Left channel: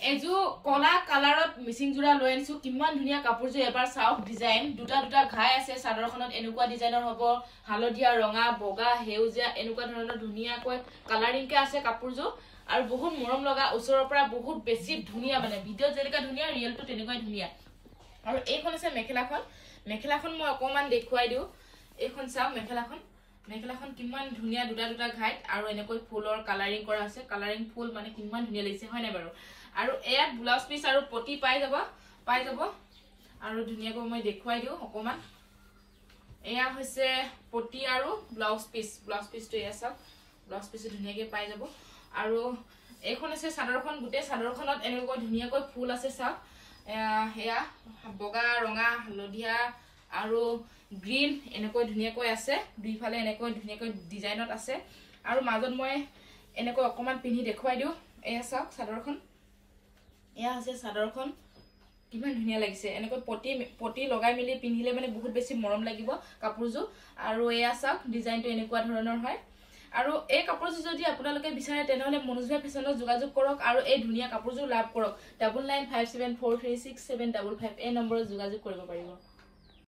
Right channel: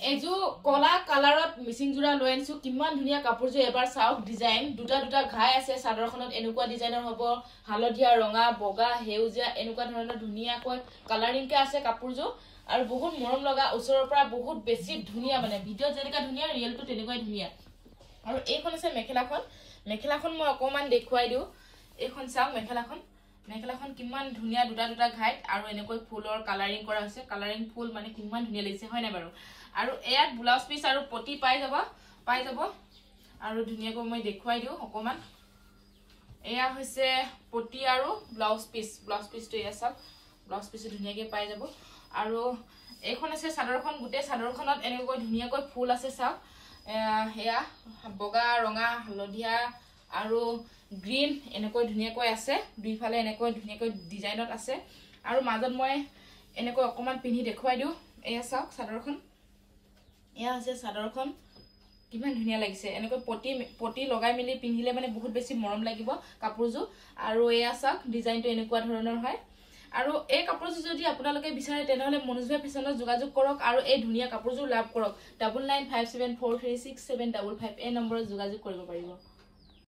এজু কলা কালাৰত মিচিং জোৰা লৈ আনিছো কিমান ধুনিয়া কাপোৰজো এবাৰ চাওক ডিজাইন দুটা দুটা ঘাই আছে সাদৰখনত এনেকুৱা ডিজাইনৰ হ'ব হালধীয়া ৰঙা বগা হেউজিয়া এনেকুৱা ধৰণৰ ধুনিয়াকৈ কালাৰিং কে আছে কাপোৰজো আৰু বহুত মৰম লগা ওচৰৰ পৰা বহুত বেছি ধুনিয়া মানে ভিডিঅ যেনেকা ধুনিয়া ৰিয়েলটো তেনেকুৱাই ধুনিয়া আৰু এইখন আছে মেখেলাখন মই অকমান দেখুৱাই দিও এইখন চাওক মেখেলাখন কিমান ধুনিয়া দুটা দুটা ঘাইত আৰু এনেকৈ ফুলৰ কালাৰিং কৰা আছে কালাৰিং ফুল মানে কিমান ধুনিয়া লাগিছে হয় না বাৰু আৰু এয়াত ব্লাউজ পিস আৰু পটি পাই যাব আৰু ধুনিয়াকৈ মই দেখুৱাই দিও অকমান এয়া হৈছে পটি আৰু ব্লাউজ পিসটো এয়া চাওক ব্লাউজ পিস ধুনিয়াকৈ পাই যাব আৰু এইখন আছে সাদৰখন গুটে সাদৰখনত এনেকৈ ধুনিয়াকৈ ফুল আছে চাওক হেয়া বগা ৰঙা হালধীয়া আৰু গ্ৰীন এনেকৈ ধুনিয়াকৈ আছে দুইফালে এনেকৈ ধুনিয়াকৈ ডিজাইনত আছে আৰু মাজত মই এনেকৈ অকমান পিনি দেখুৱাই দিও এয়া চাওক সাদৰখন এয়া আছে সাদৰখন কিমান ধুনিয়া লাগিছে এনেকৈ পটি লগাই মিলি পিন্ধিলে মানে বহুত বেছি মৰম লাগিব কাপোৰজো আৰু এয়া চাওক ডিজাইনটো এনেকুৱা ধৰণৰ হয় আৰু এই কাপোৰজো যদি আপোনালোকে বিচাৰে তেনেহলে মনোজভাই ফেশনত যোগাযোগ কৰক আৰু এই ধুনিয়া কাপোৰজো লাভ কৰক 9957436755 এই নম্বৰত যোগাযোগ কৰিব পাৰিব